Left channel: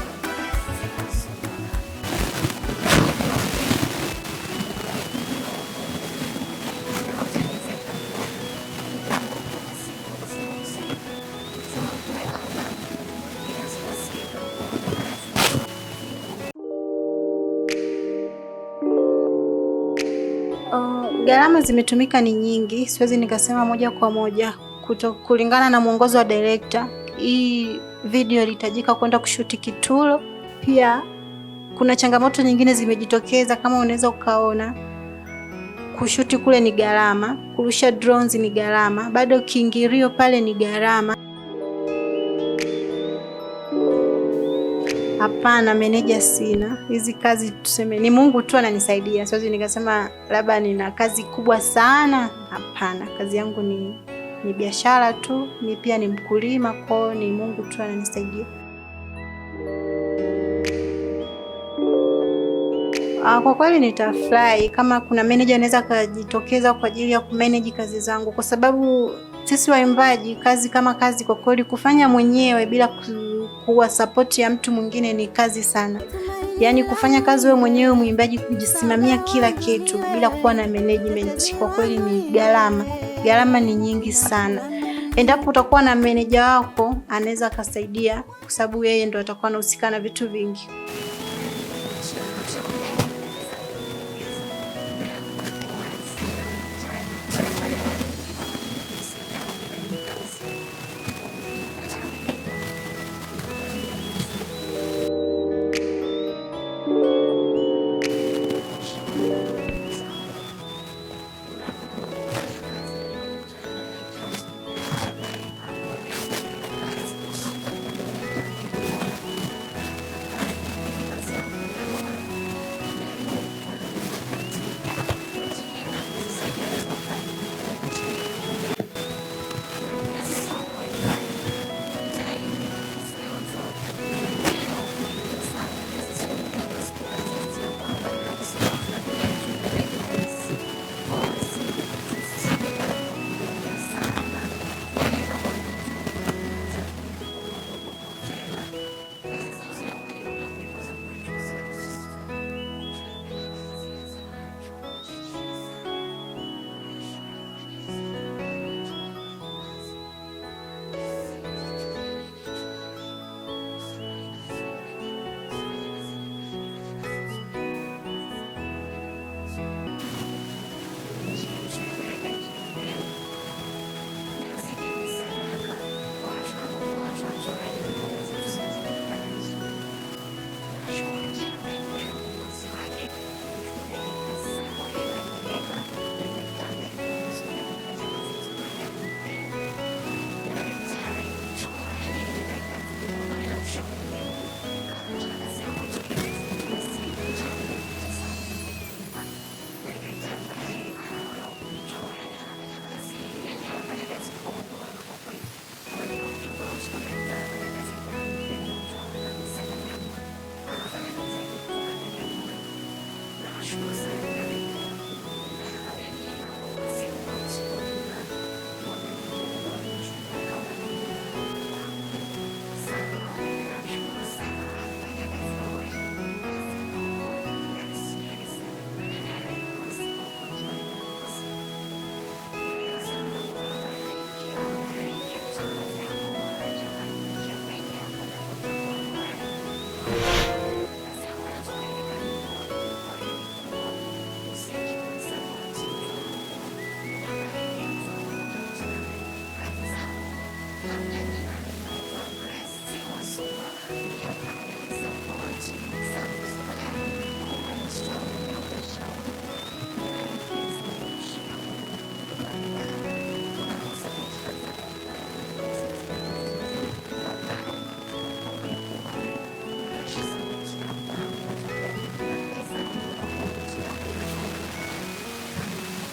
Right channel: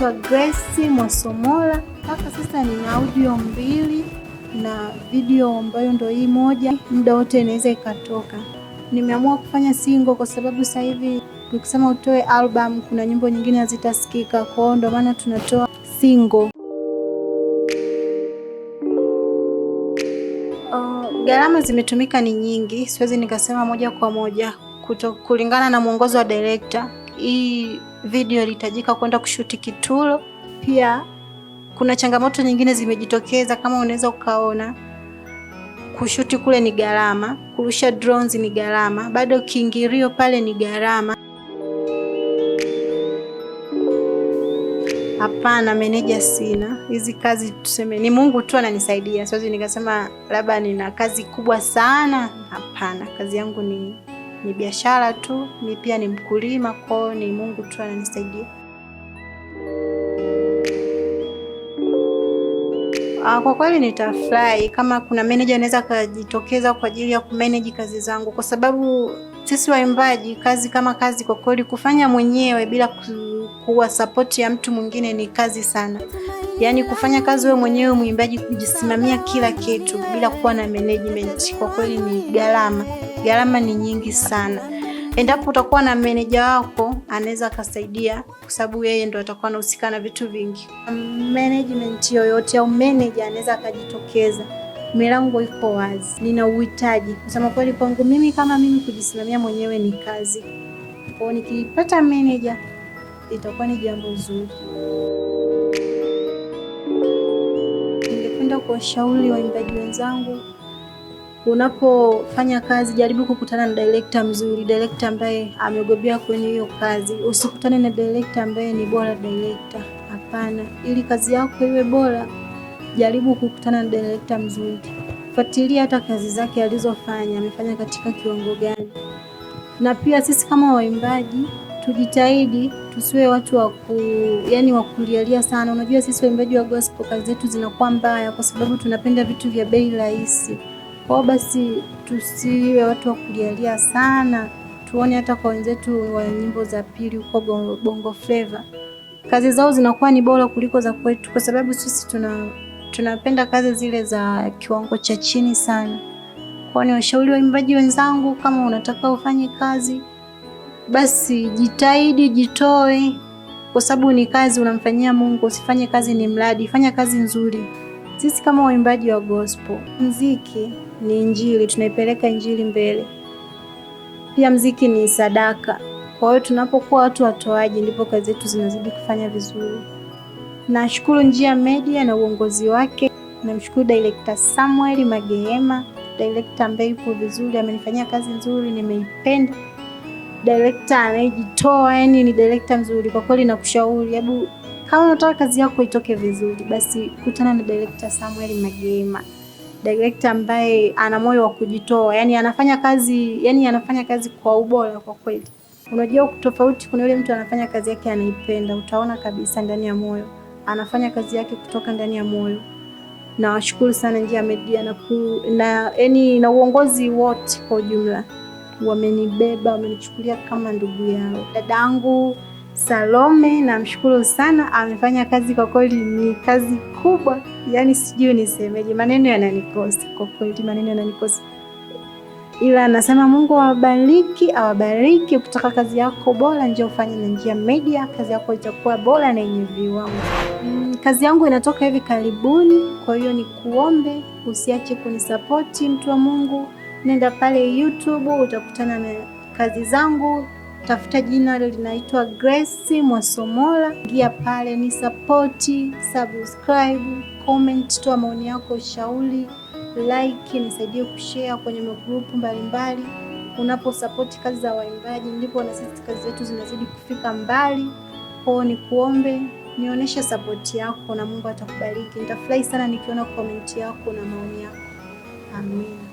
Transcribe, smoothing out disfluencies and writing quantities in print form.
naitwa Grace Mwasomola. Hapa sasa ni audio 2 na video ambayo ndio hii moja, muda wote inaweza ikatoka. Nimeamua kufanya single kwa sababu sasa hivi nikisema utoe album kuna nyimbo nyingine hazitasikika, kwa hiyo ndio maana tunatoa single. Gharama zimetumika ni nyingi, siwezi nikasema moja kwa moja kulingana na mwongozo wa director. Hii video ilihitajika kwenda kushuti Kitulo. Pia kuna changamoto nyingine zimejitokeza, kama unaweza ukaona kushuti kule ni gharama, kurusha drones ni gharama, bado kiingilio pale ni gharama. Hapana, meneja sina. Hizi kazi tuseme ni Mungu tu ananisaidia. Siwezi nikasema labda nina kazi kubwa sana. Hapana, kazi yangu ni biashara tu. Mimi pia ni mkulima, kwa hiyo ni Mungu tu ananisaidia. Kwa kweli nitafurahi kama kuna manager anaweza kujitokeza kwa ajili ya kumanage kazi zangu, kwa sababu sisi waimbaji kazi kama kazi, kwa kweli kufanya mwenyewe bila kuwa support ya mtu mwingine ni kazi sana. Yaani kufanya kazi wewe mwenyewe muimbaji, kujisimamia kila kitu bila kuwa na management, kwa kweli ni gharama. Gharama ni nyingi sana. Endapo utakuwa na manager wako anaweza akasaidia, kwa sababu yeye ndo atakuwa anahusika na vitu vingi. Management yoyote au manager anaweza akajitokeza. Milango iko wazi. Nina uhitaji. Kusema kweli kwangu mimi, kama mimi kujisimamia mwenyewe ni kazi. Kwa hiyo nikipata manager itakuwa ni jambo zuri. Ningependa kuwashauri waimbaji wenzangu, unapofanya kazi jaribu kukutana na director mzuri, director ambaye amebobea kwenye hiyo kazi. Usikutane na director ambaye ni bora director. Hapana, ili kazi yako iwe bora, jaribu kukutana na director mzuri. Fuatilia hata kazi zake alizofanya, amefanya katika kiwango gani. Na pia sisi kama waimbaji tujitahidi tusiwe watu wa kulialia sana. Unajua sisi waimbaji wa gospel kazi zetu zinakuwa mbaya kwa sababu tunapenda vitu vya bei rahisi. Kwa basi tusiwe watu wa kulialia sana. Tuone hata kwa wenzetu wa nyimbo za pili huko Bongo Flava, kazi zao zinakuwa ni bora kuliko za kwetu, kwa sababu sisi tunapenda kazi zile za kiwango cha chini sana. Kwa ni washauri waimbaji wenzangu, kama unataka ufanye kazi, basi jitahidi, jitoe, kwa sababu ni kazi unamfanyia Mungu. Usifanye kazi ni mradi, fanya kazi nzuri. Sisi kama waimbaji wa gospel, muziki ni injili, tunaipeleka injili mbele. Pia muziki ni sadaka. Kwa hiyo tunapokuwa watu watoaji ndipo kazi zetu zinazidi kufanya vizuri. Nashukuru Njia Media na uongozi wake. Namshukuru Director Samuel Magema, director ambaye yuko vizuri, amenifanyia kazi nzuri, nimeipenda. Director anayejitoa, yani ni director mzuri. Kwa kweli nakushauri, hebu kama unataka kazi yako itoke vizuri, basi kutana na Director Samuel Magema. Director ambaye ana moyo wa kujitoa, yani anafanya kazi kwa ubora kwa kweli. Unajua tofauti, kuna yule mtu anafanya kazi yake anaipenda, utaona kabisa ndani ya moyo. Anafanya kazi yake kutoka ndani ya moyo. Na washukuru sana Njia Media na uongozi wote kwa ujumla. Wamenibeba, wamenichukulia kama ndugu yao. Dadangu Salome namshukuru sana, amefanya kazi kwa kweli, ni kazi kubwa. Yaani sijui nisemeje, maneno yananikosa kwa kweli, maneno yananikosa. Ila nasema Mungu awabariki. Ukitaka kazi yako bora, njoo ufanye na Njia Media, kazi yako itakuwa bora na yenye viwango. Kazi yangu inatoka hivi karibuni, kwa hiyo ni kuombe usiache kunisapoti, mtu wa Mungu. Nenda pale YouTube utakutana na kazi zangu. Tafuta jina linaitwa Grace Mwasomola. Ingia pale ni support, subscribe, comment, toa maoni yako, shauri, like, nisaidie kushare kwenye magrupu mbalimbali. Unapo support kazi za waimbaji ndipo na sisi kazi zetu zinazidi kufika mbali. Kwa ni kuombe nionyeshe support yako na Mungu atakubariki. Nitafurahi sana nikiona comment yako na maoni yako. Amen.